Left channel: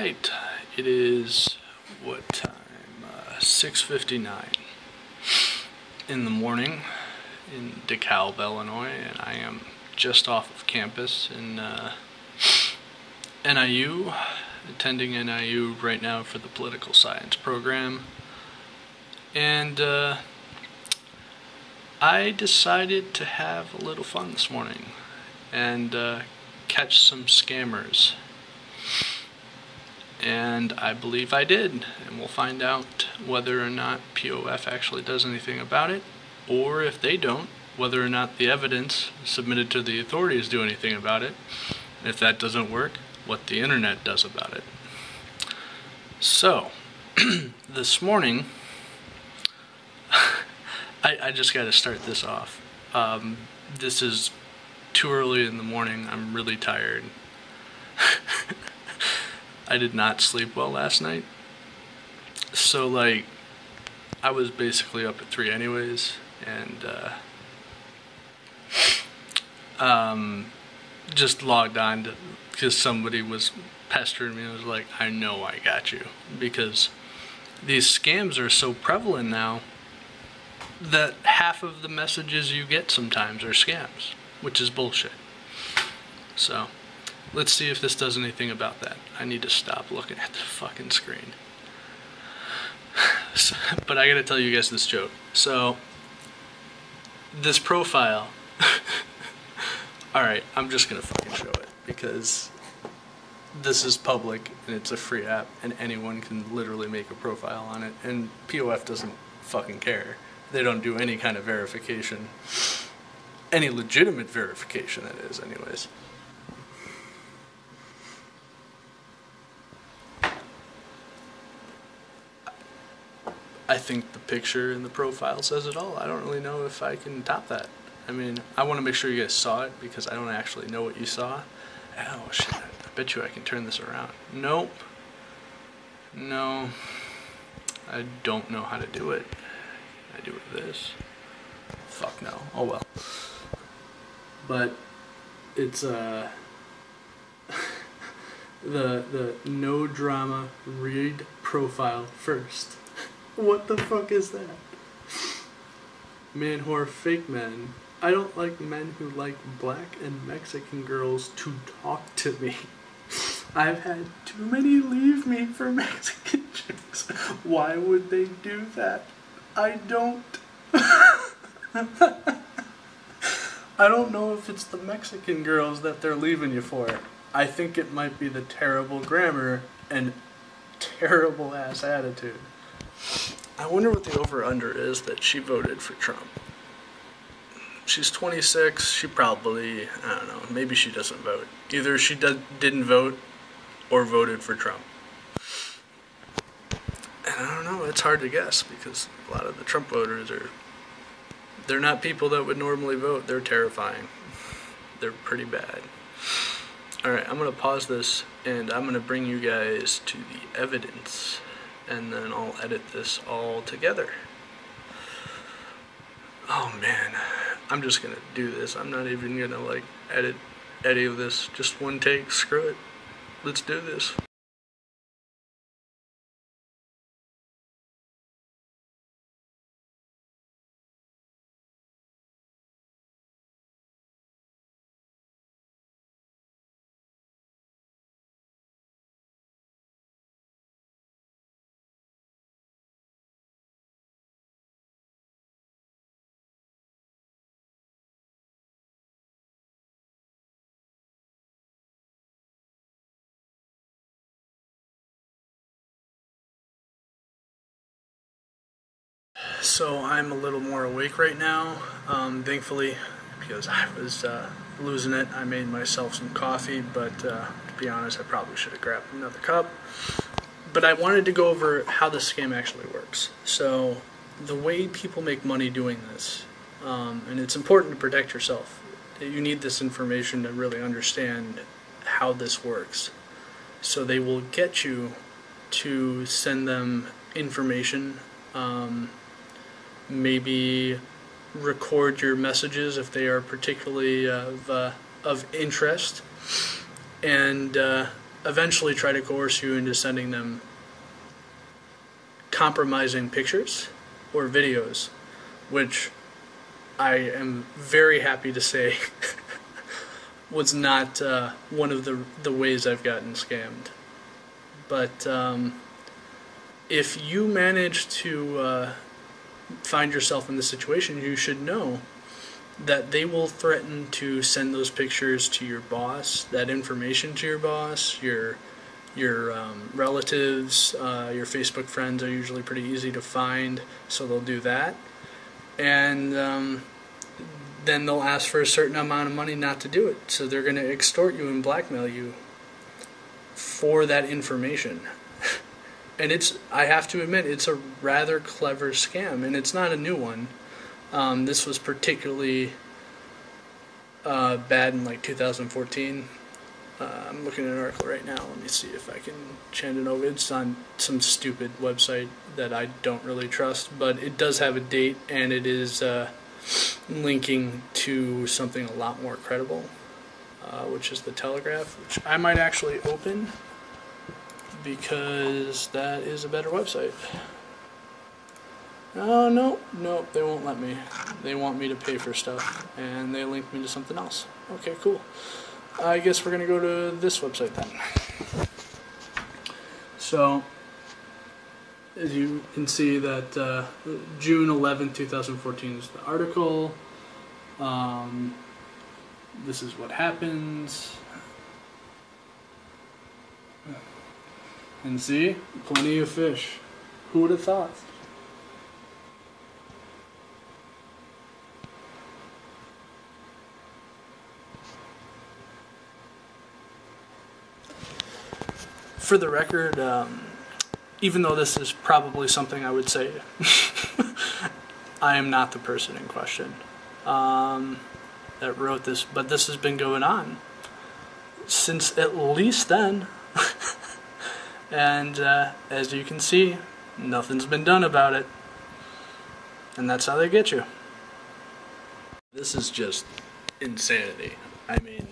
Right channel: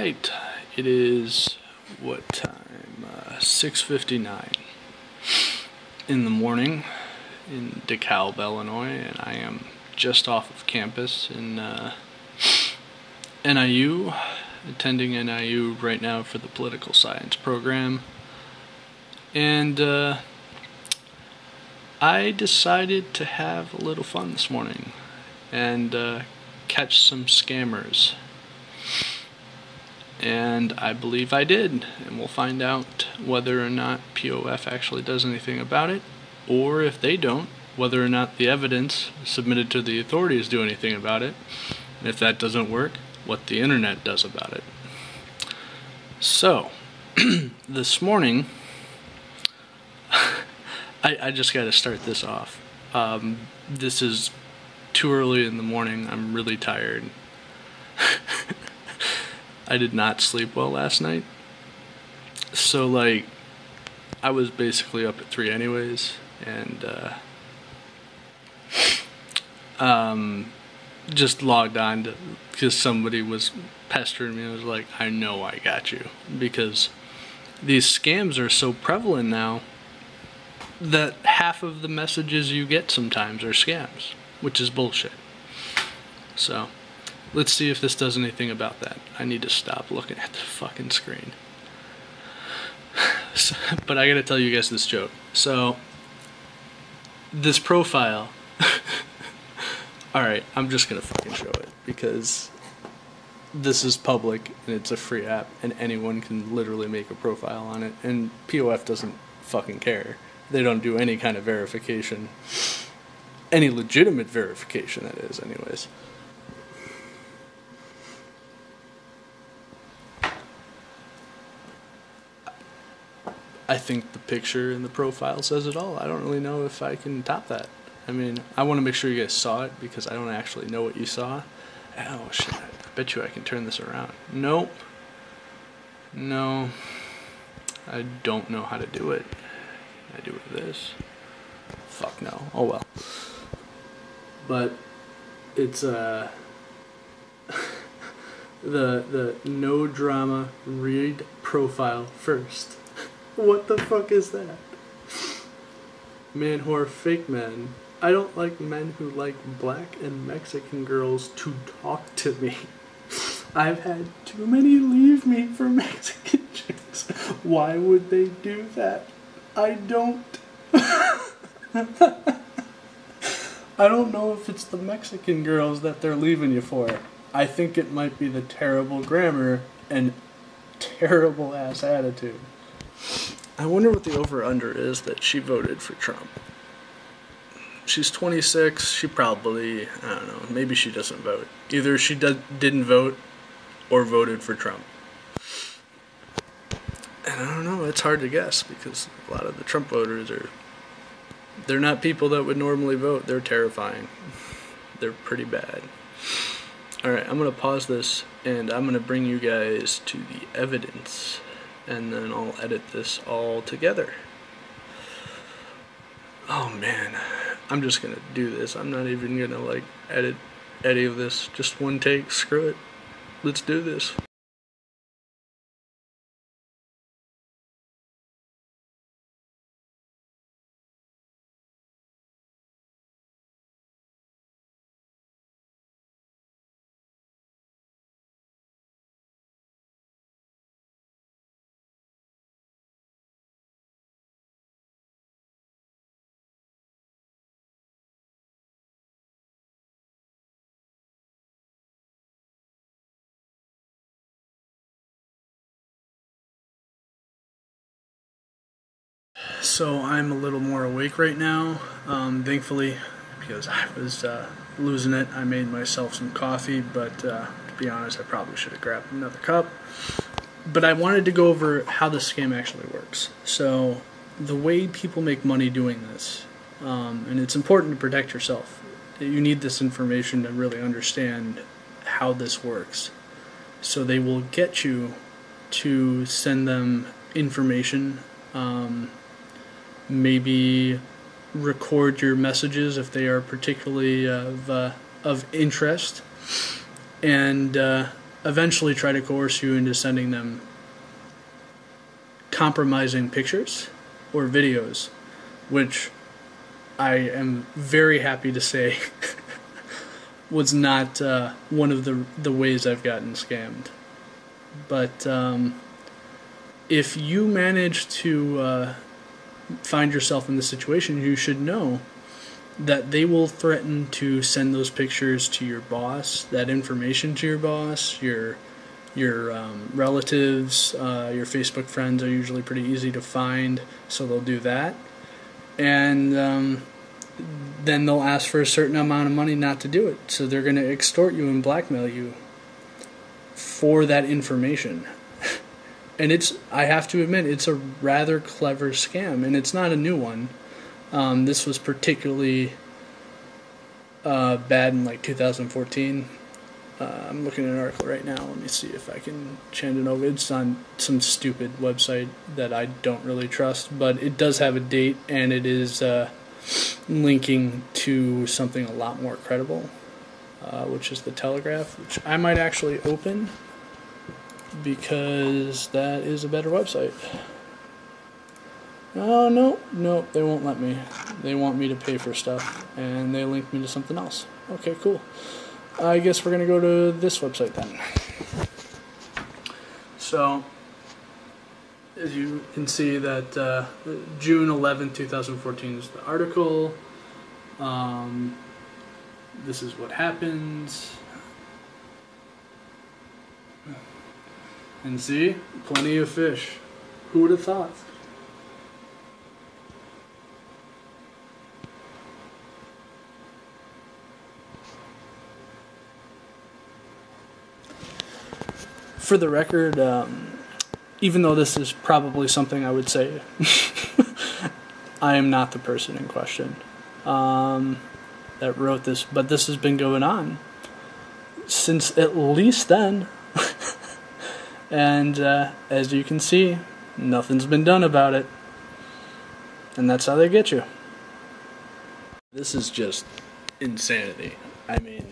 Alright, it is, what time? 6:59 in the morning in DeKalb, Illinois, and I am just off of campus in NIU, attending NIU right now for the political science program. And I decided to have a little fun this morning and catch some scammers. And I believe I did, and we'll find out whether or not POF actually does anything about it, or if they don't, whether or not the evidence submitted to the authorities do anything about it, and if that doesn't work, what the internet does about it. So, this morning, I just got to start this off. This is too early in the morning. I'm really tired. I did not sleep well last night. So, like, I was basically up at 3 anyways, and just logged on because somebody was pestering me. I was like, I know I got you, because these scams are so prevalent now that half of the messages you get sometimes are scams, which is bullshit. So, let's see if this does anything about that. I need to stop looking at the fucking screen. So, but I gotta tell you guys this joke. So, this profile, alright, I'm just gonna fucking show it, because this is public, and it's a free app, and anyone can literally make a profile on it, and POF doesn't fucking care. They don't do any kind of verification. Any legitimate verification, that is, anyways. I think the picture in the profile says it all. I don't really know if I can top that. I mean, I want to make sure you guys saw it, because I don't actually know what you saw. Oh, shit. I bet you I can turn this around. Nope. No. I don't know how to do it. I do it with this. Fuck no. Oh well. But it's the no drama read profile first. What the fuck is that? Man, whore, fake men. I don't like men who like black and Mexican girls to talk to me. I've had too many leave me for Mexican chicks. Why would they do that? I don't. I don't know if it's the Mexican girls that they're leaving you for. I think it might be the terrible grammar and terrible ass attitude. I wonder what the over-under is that she voted for Trump. She's 26, she probably, I don't know, maybe she doesn't vote. Either she didn't vote or voted for Trump. And I don't know, it's hard to guess, because a lot of the Trump voters they're not people that would normally vote. They're terrifying. They're pretty bad. Alright, I'm going to pause this, and I'm going to bring you guys to the evidence, and then I'll edit this all together. Oh man, I'm just going to do this. I'm not even going to, like, edit any of this. Just one take, screw it. Let's do this. So I'm a little more awake right now, thankfully, because I was losing it. I made myself some coffee, but to be honest, I probably should have grabbed another cup. But I wanted to go over how this scam actually works. So the way people make money doing this, and it's important to protect yourself. You need this information to really understand how this works. So they will get you to send them information, maybe record your messages if they are particularly of interest, and eventually try to coerce you into sending them compromising pictures or videos, which I am very happy to say was not one of the ways I've gotten scammed. But if you manage to find yourself in this situation, you should know that they will threaten to send those pictures to your boss, that information to your boss, your relatives, your Facebook friends are usually pretty easy to find, so they'll do that. And then they'll ask for a certain amount of money not to do it. So they're going to extort you and blackmail you for that information. And I have to admit, it's a rather clever scam, and it's not a new one. This was particularly bad in like 2014. I'm looking at an article right now. Let me see if I can change it over. It's on some stupid website that I don't really trust, but it does have a date, and it is linking to something a lot more credible, which is the Telegraph, which I might actually open because that is a better website. Oh, no, they won't let me. They want me to pay for stuff, and they link me to something else. Okay, cool. I guess we're going to go to this website then. So, as you can see that June 11th, 2014 is the article. This is what happens. And see, plenty of fish. Who would have thought? For the record, even though this is probably something I would say, I am not the person in question that wrote this, but this has been going on since at least then. And as you can see, nothing's been done about it. And that's how they get you. This is just insanity. I mean,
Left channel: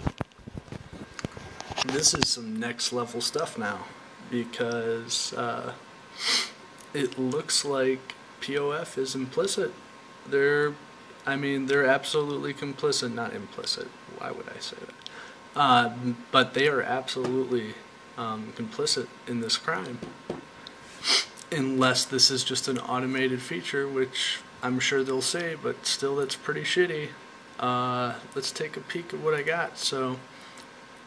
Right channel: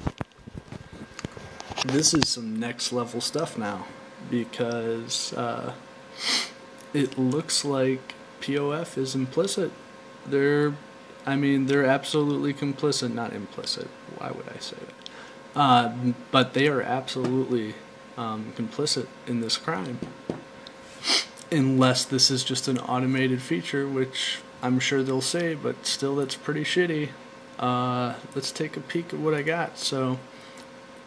this is some next level stuff now, because it looks like POF is implicit. They're absolutely complicit, not implicit. Why would I say that? But they are absolutely complicit in this crime, unless this is just an automated feature, which I'm sure they'll say, but still that's pretty shitty. Let's take a peek at what I got. So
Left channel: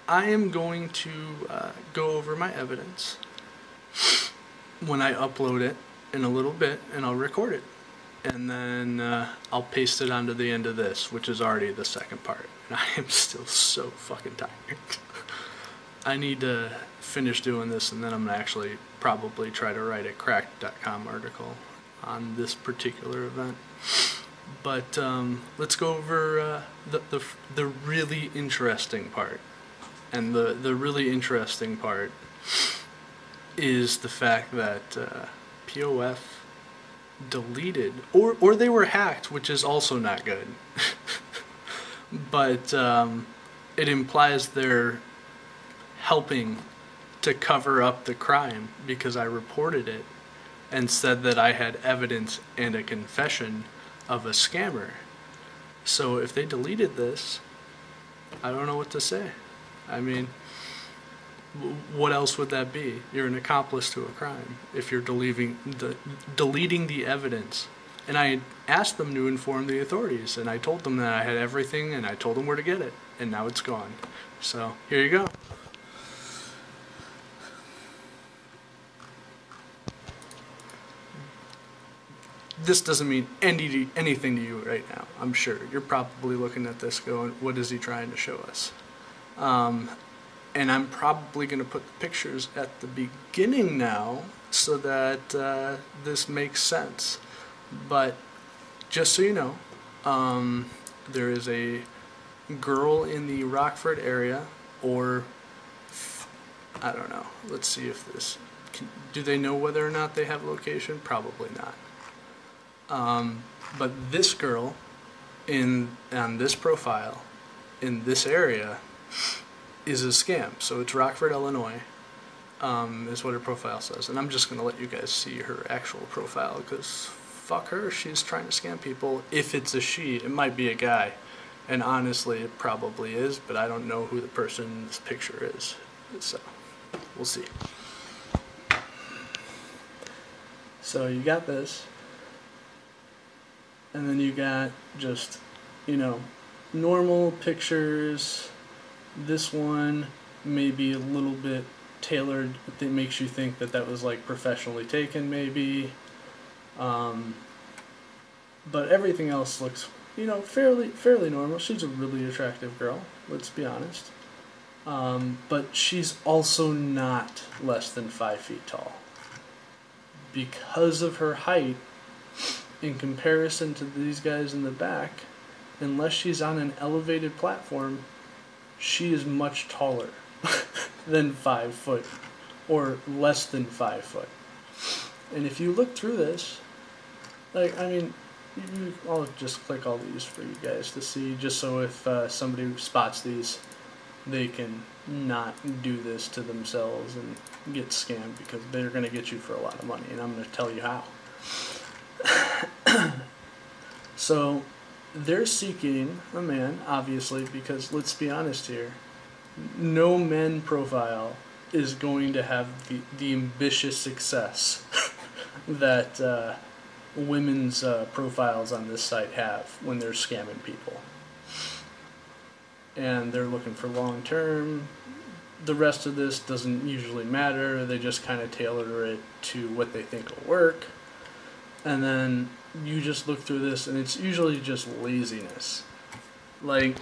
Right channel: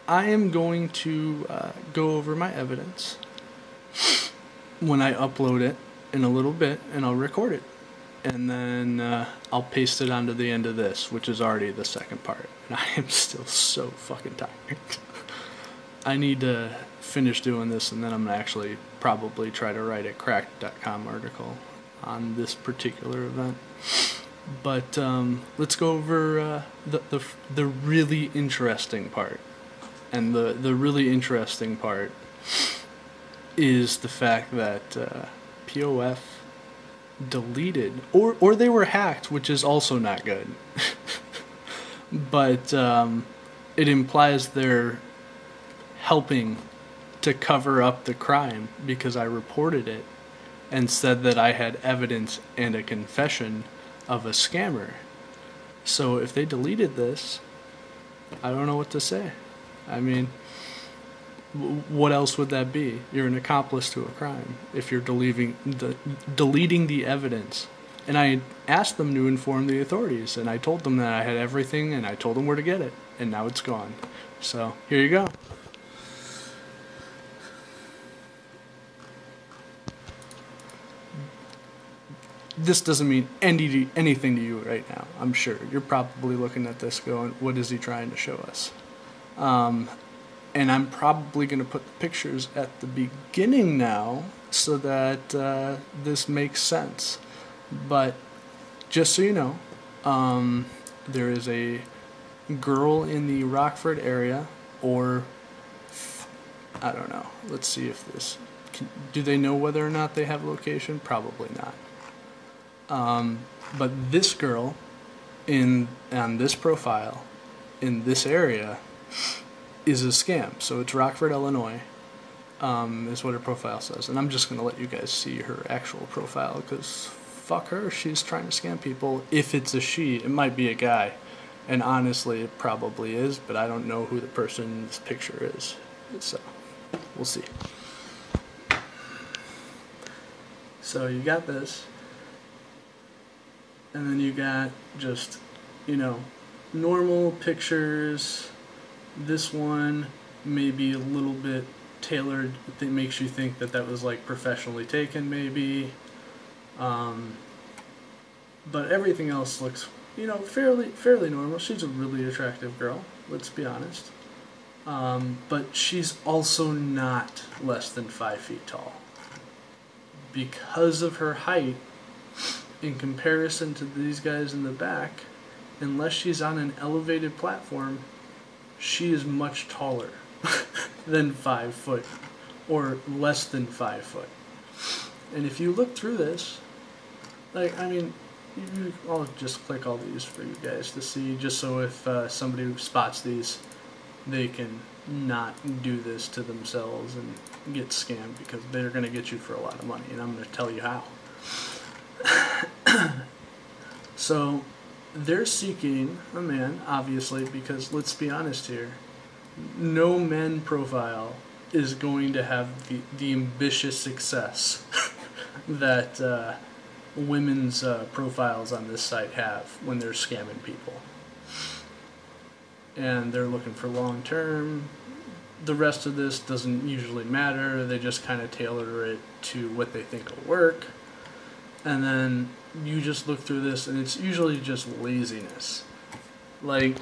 I am going to go over my evidence when I upload it in a little bit, and I'll record it, and then I'll paste it onto the end of this, which is already the second part. And I am still so fucking tired. I need to finish doing this, and then I'm going to actually probably try to write a cracked.com article on this particular event. But let's go over the really interesting part. And the really interesting part is the fact that POF deleted, or they were hacked, which is also not good. But it implies they're helping to cover up the crime, because I reported it and said that I had evidence and a confession of a scammer. So if they deleted this, I don't know what to say. I mean, what else would that be? You're an accomplice to a crime if you're deleting the evidence. And I asked them to inform the authorities, and I told them that I had everything, and I told them where to get it, and now it's gone. So here you go. This doesn't mean anything to you right now, I'm sure. You're probably looking at this going, what is he trying to show us? And I'm probably going to put the pictures at the beginning now so that this makes sense. But just so you know, there is a girl in the Rockford area, or I don't know. Let's see if this... do they know whether or not they have location? Probably not. But this girl on this profile in this area is a scam. So it's Rockford, Illinois. is what her profile says. And I'm just going to let you guys see her actual profile, because fuck her, she's trying to scam people. If it's a she, it might be a guy. And honestly, it probably is, but I don't know who the person's picture is. So, we'll see. So you got this. And then you got just, you know, normal pictures. This one maybe a little bit tailored. That makes you think that that was like professionally taken, maybe. But everything else looks, you know, fairly normal. She's a really attractive girl, let's be honest. But she's also not less than 5 feet tall. Because of her height, in comparison to these guys in the back, unless she's on an elevated platform, she is much taller than 5 foot, or less than 5 foot. And if you look through this, like, I mean, I'll just click all these for you guys to see, just so if somebody spots these, they can not do this to themselves and get scammed, because they're going to get you for a lot of money, and I'm going to tell you how. So, they're seeking a man, obviously, because let's be honest here, no men profile is going to have the ambitious success that women's profiles on this site have when they're scamming people. And they're looking for long term. The rest of this doesn't usually matter. They just kind of tailor it to what they think will work. And then you just look through this, and it's usually just laziness. Like,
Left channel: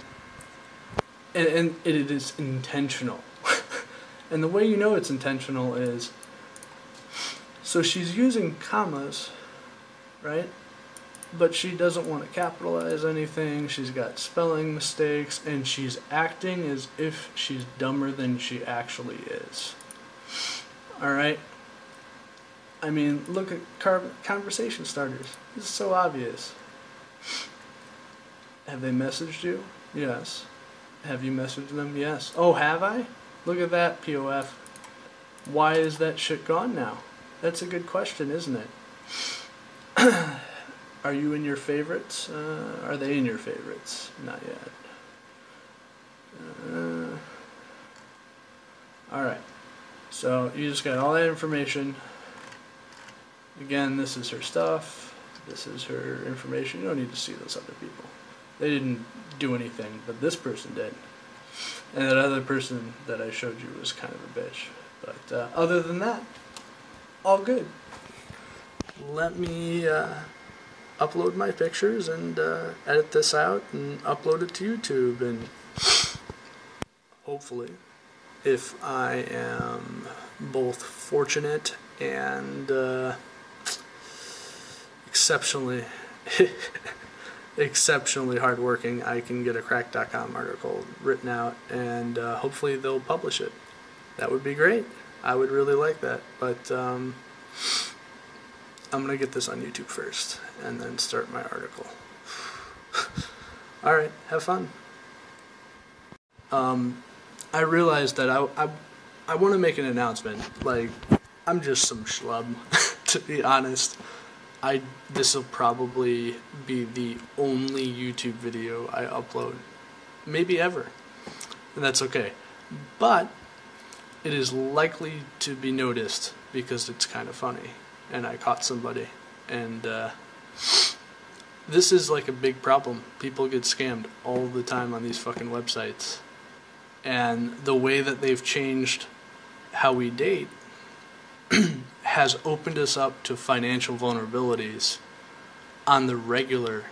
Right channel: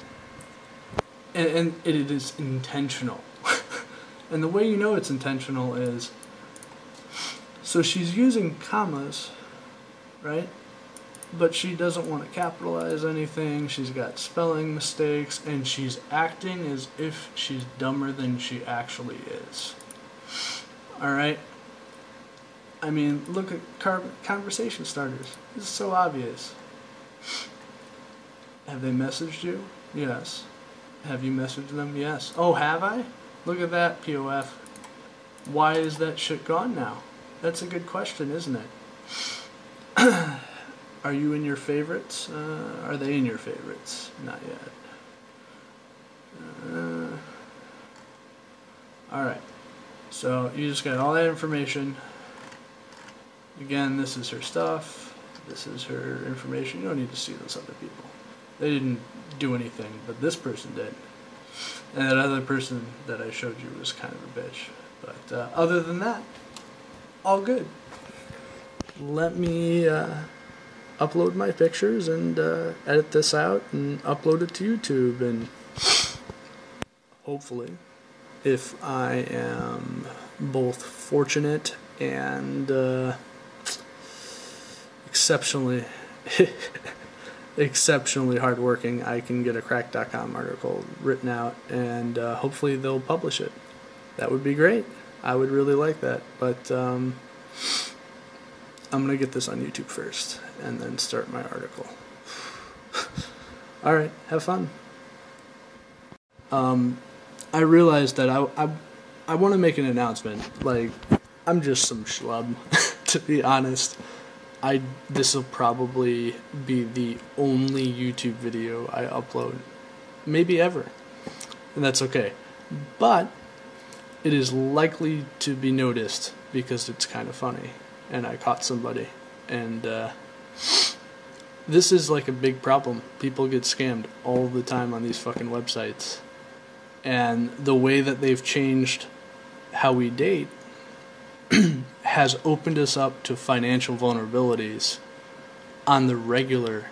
and it is intentional. And the way you know it's intentional is, so she's using commas, right? But she doesn't want to capitalize anything. She's got spelling mistakes, and she's acting as if she's dumber than she actually is. Alright? I mean, look at conversation starters. This is so obvious. Have they messaged you? Yes. Have you messaged them? Yes. Oh, have I? Look at that, POF. Why is that shit gone now? That's a good question, isn't it? Are you in your favorites? Are they in your favorites? Not yet. Alright. So, you just got all that information. Again, this is her stuff. This is her information. You don't need to see those other people. They didn't do anything, but this person did. And that other person that I showed you was kind of a bitch. But other than that, all good. Let me upload my pictures and edit this out and upload it to YouTube. And hopefully, if I am both fortunate and exceptionally hardworking, I can get a crack.com article written out, and hopefully they'll publish it. That would be great. I would really like that. But I'm going to get this on YouTube first, and then start my article. Alright, have fun. I realized that I want to make an announcement. Like, I'm just some schlub, to be honest. This will probably be the only YouTube video I upload, maybe ever, and that's okay. But it is likely to be noticed because it's kind of funny, and I caught somebody, and this is like a big problem. People get scammed all the time on these fucking websites, and the way that they've changed how we date has opened us up to financial vulnerabilities on the regular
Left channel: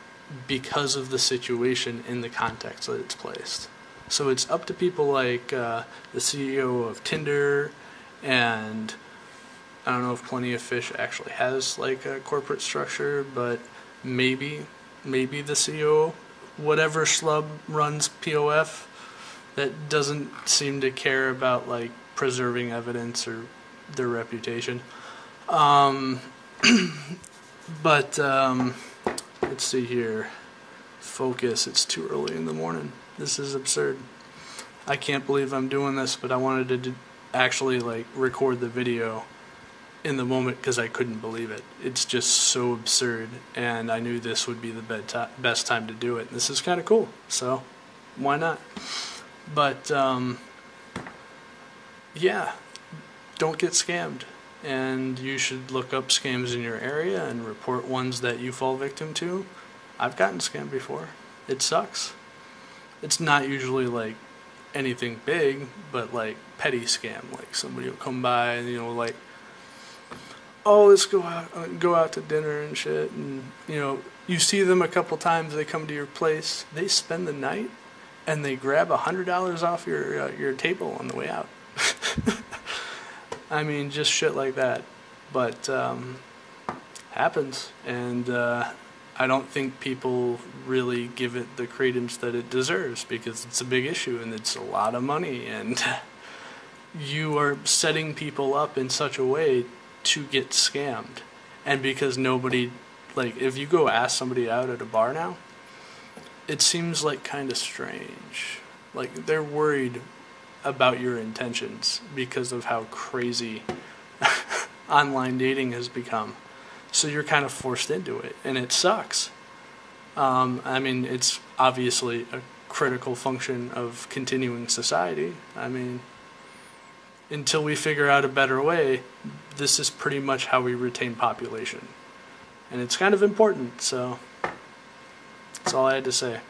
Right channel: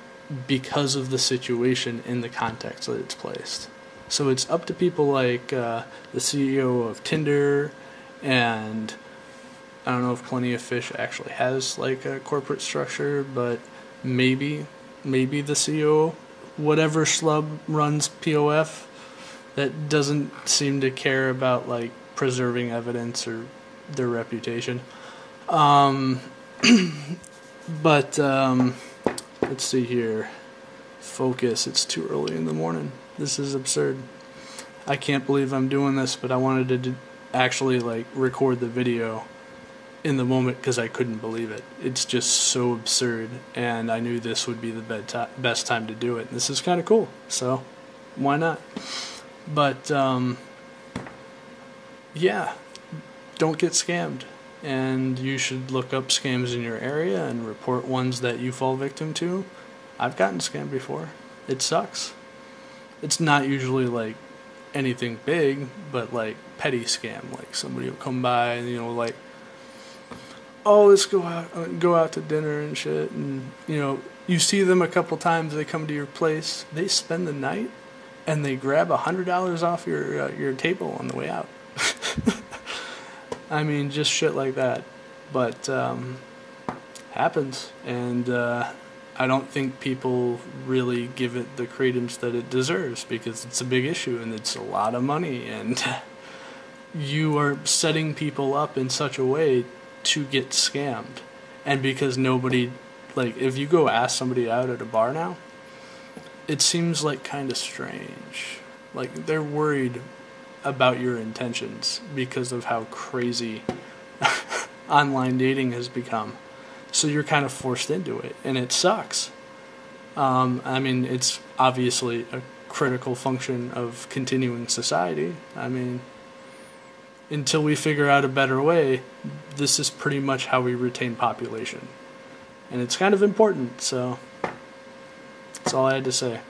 because of the situation in the context that it's placed. So it's up to people like the CEO of Tinder, and I don't know if Plenty of Fish actually has like a corporate structure, but maybe the CEO, whatever schlub runs POF, that doesn't seem to care about like preserving evidence or their reputation. But let's see here. Focus. It's too early in the morning. This is absurd. I can't believe I'm doing this, but I wanted to actually like record the video in the moment because I couldn't believe it. It's just so absurd, and I knew this would be the best time to do it. This is kind of cool, so why not? But yeah, don't get scammed, and you should look up scams in your area and report ones that you fall victim to. I've gotten scammed before. It sucks. It's not usually like anything big, but like petty scam. Like somebody will come by and, you know, like, oh, let's go out to dinner and shit. And, you know, you see them a couple times. They come to your place. They spend the night and they grab $100 off your table on the way out. I mean, just shit like that. But happens, and I don't think people really give it the credence that it deserves, because it's a big issue and it's a lot of money, and you are setting people up in such a way to get scammed. And because nobody, like, if you go ask somebody out at a bar now, it seems like kind of strange. Like, they're worried about your intentions because of how crazy online dating has become. So you're kind of forced into it, and it sucks. I mean, it's obviously a critical function of continuing society. I mean, until we figure out a better way, this is pretty much how we retain population. And it's kind of important, so that's all I had to say.